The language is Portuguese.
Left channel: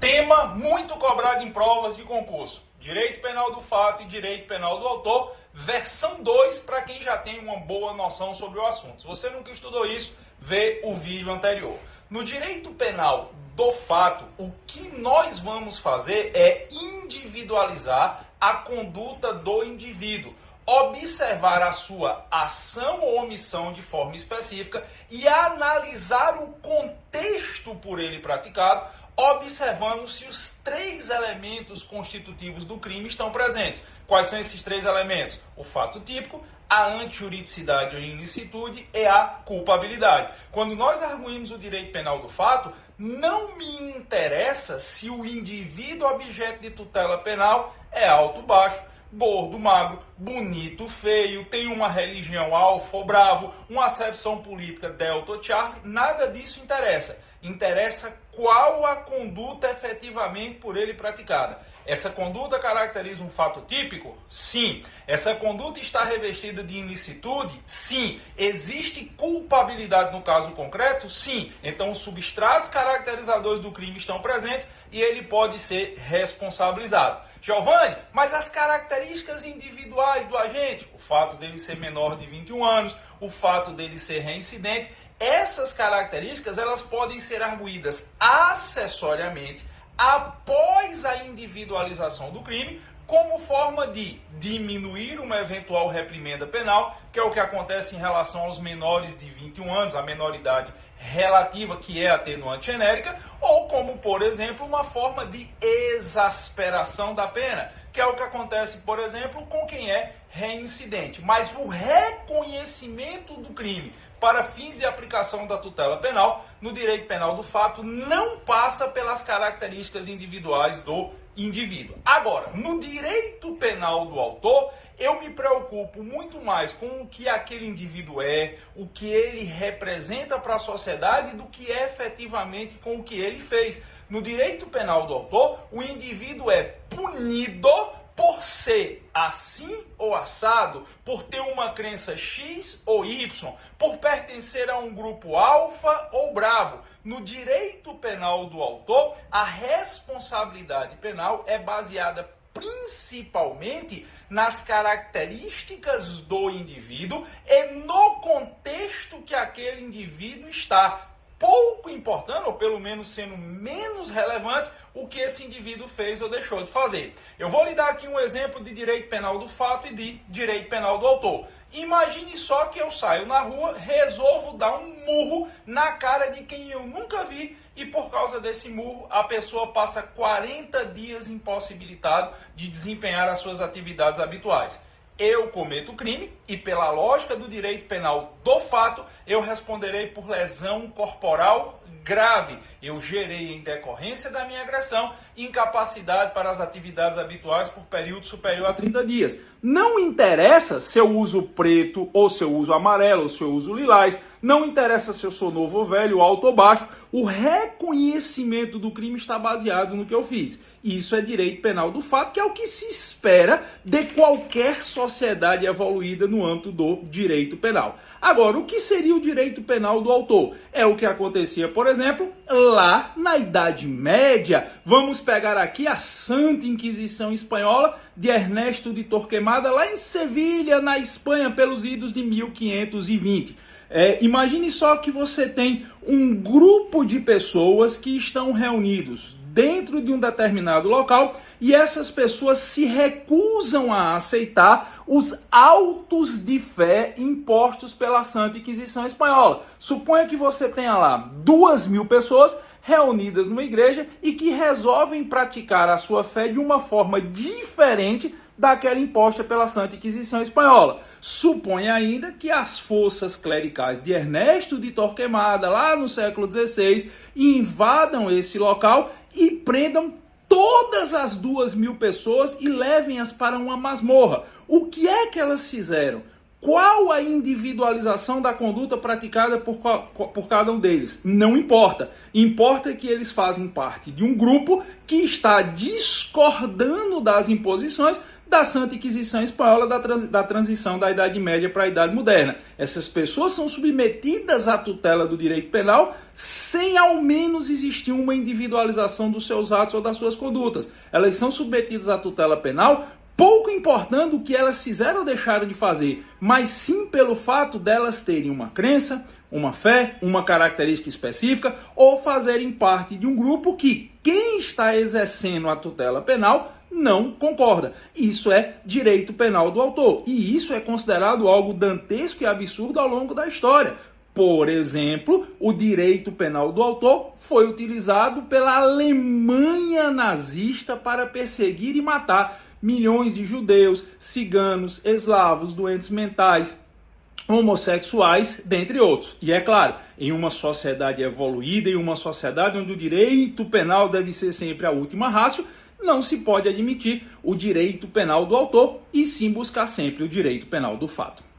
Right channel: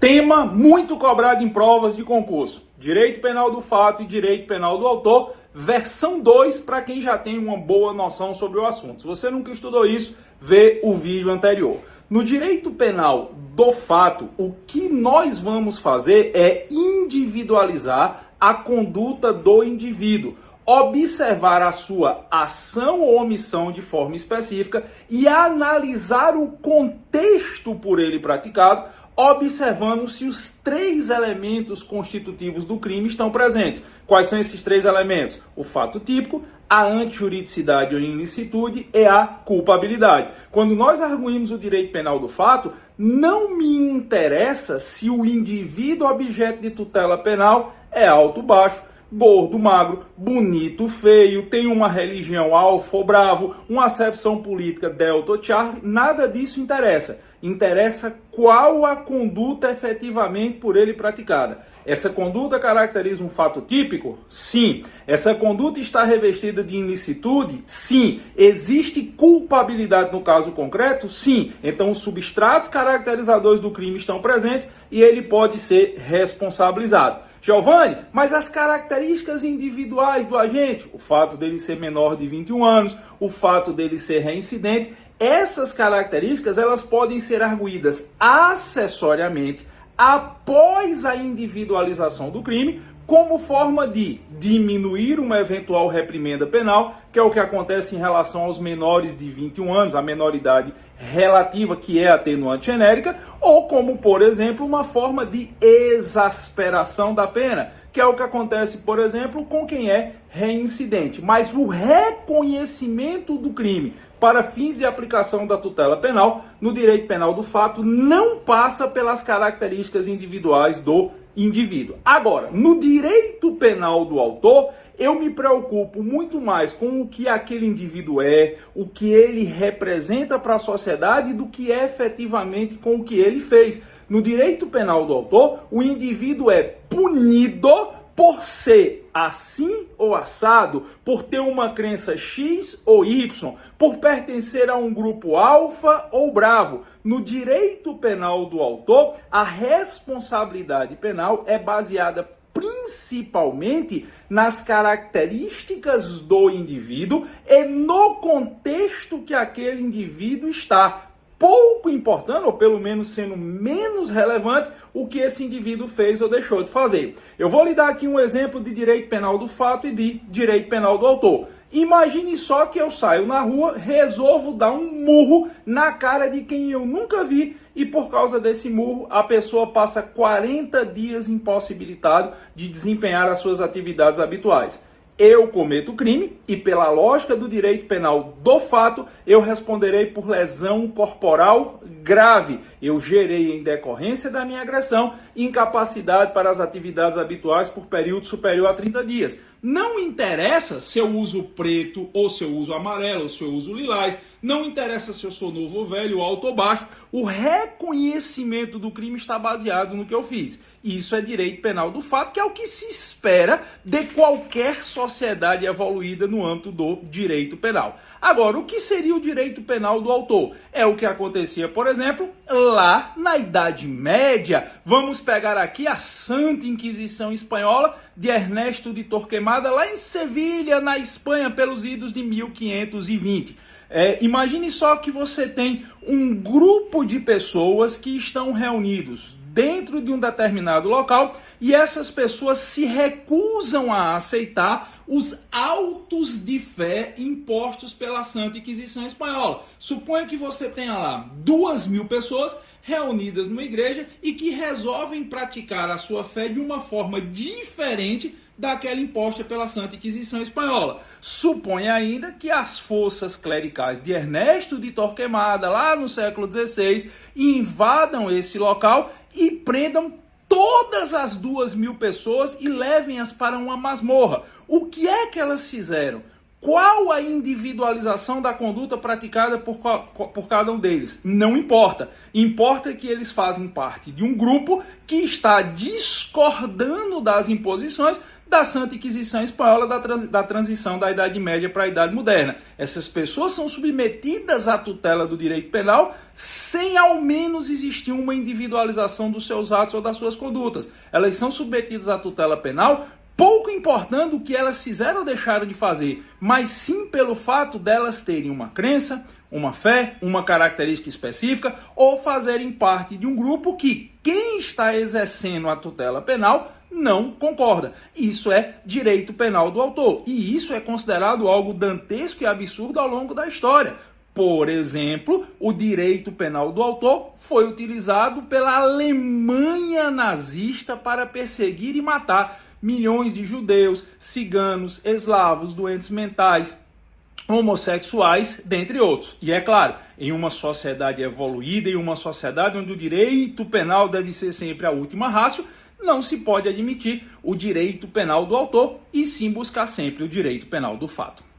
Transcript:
Tema muito cobrado em provas de concurso: direito penal do fato e direito penal do autor, versão 2, para quem já tem uma boa noção sobre o assunto. Se você nunca estudou isso, vê o vídeo anterior. No direito penal do fato, o que nós vamos fazer é individualizar a conduta do indivíduo, observar a sua ação ou omissão de forma específica e analisar o contexto por ele praticado, observando se os 3 elementos constitutivos do crime estão presentes. Quais são esses 3 elementos? O fato típico, a antijuridicidade ou ilicitude e a culpabilidade. Quando nós arguímos o direito penal do fato, não me interessa se o indivíduo objeto de tutela penal é alto ou baixo, gordo, magro, bonito, feio, tem uma religião alfa ou bravo, uma acepção política delta ou charlie, nada disso interessa. Interessa qual a conduta efetivamente por ele praticada. Essa conduta caracteriza um fato típico? Sim. Essa conduta está revestida de ilicitude? Sim. Existe culpabilidade no caso concreto? Sim. Então os substratos caracterizadores do crime estão presentes e ele pode ser responsabilizado. Giovanni, mas as características individuais do agente, o fato dele ser menor de 21 anos, o fato dele ser reincidente, essas características elas podem ser arguídas acessoriamente após a individualização do crime, como forma de diminuir uma eventual reprimenda penal, que é o que acontece em relação aos menores de 21 anos, a menoridade relativa, que é atenuante genérica, ou como, por exemplo, uma forma de exasperação da pena, que é o que acontece, por exemplo, com quem é reincidente. Mas o reconhecimento do crime para fins de aplicação da tutela penal no direito penal do fato não passa pelas características individuais do indivíduo. Agora, no direito penal do autor, eu me preocupo muito mais com o que aquele indivíduo é, o que ele representa para a sociedade, do que é efetivamente com o que ele fez. No direito penal do autor, o indivíduo é punido por ser assim ou assado, por ter uma crença X ou Y, por pertencer a um grupo alfa ou bravo. No direito penal do autor, a responsabilidade penal é baseada principalmente nas características do indivíduo e no contexto que aquele indivíduo está, pouco importando, ou pelo menos sendo menos relevante, o que esse indivíduo fez ou deixou de fazer. Eu vou lhe dar aqui um exemplo de direito penal do fato e de direito penal do autor. Imagine só que eu saio na rua, resolvo dar um murro na cara de quem eu nunca vi e por causa desse murro a pessoa passa 40 dias impossibilitado de desempenhar as suas atividades habituais. Eu cometo crime e, pela lógica do direito penal do fato, eu responderei por lesão corporal grave. Eu gerei, em decorrência da minha agressão, incapacidade para as atividades habituais por período superior a 30 dias. Não interessa se eu uso preto ou se eu uso amarelo ou se eu uso lilás. Não interessa se eu sou novo ou velho, alto ou baixo. O reconhecimento do crime está baseado no que eu fiz. E isso é direito penal do fato, que é o que se espera de qualquer sociedade evoluída no âmbito do direito penal. Agora, o que seria o direito penal do autor? É o que acontecia, por exemplo, lá na Idade Média. Vamos pegar aqui a Santa Inquisição Espanhola de Ernesto de Torquemada, lá em Sevilha, na Espanha, pelos idos de 1520. Imagine só que você tem um grupo de pessoas que estão reunidos dentro de um determinado local e essas pessoas se recusam a aceitar os autos de fé impostos pela Santa Inquisição Espanhola. Suponha que você tenha lá 2.000 pessoas reunidas numa igreja e que resolvem praticar a sua fé de uma forma diferente daquela imposta pela Santa Inquisição Espanhola. Supõe ainda que as forças clericais de Ernesto de Torquemada, lá no século XVI, invadam esse local e prendam todas as 2.000 pessoas e levem-as para uma masmorra. O que é que elas fizeram? Qual a individualização da conduta praticada por cada um deles? Não importa. Importa que eles fazem parte de um grupo que está discordando das imposições da Santa Inquisição Espanhola, da transição da Idade Média para a Idade Moderna. Essas pessoas são submetidas à tutela do direito penal sem ao menos existir uma individualização dos seus atos ou das suas condutas. Elas são submetidas à tutela penal pouco importando o que elas fizeram ou deixaram de fazer, mas sim pelo fato delas terem uma crença, uma fé, uma característica específica ou fazerem parte de um grupo que quem está exercendo a tutela penal não concorda. Isso é direito penal do autor e isso é considerado algo dantesco e absurdo ao longo da história. Por exemplo, o direito penal do autor foi utilizado pela Alemanha nazista para perseguir e matar milhões de judeus, ciganos, eslavos, doentes mentais, homossexuais, dentre outros. E é claro, em uma sociedade evoluída, em uma sociedade onde o direito penal deve ser sempre a última ratio, não se pode admitir o direito penal do autor e sim buscar sempre o direito penal do fato.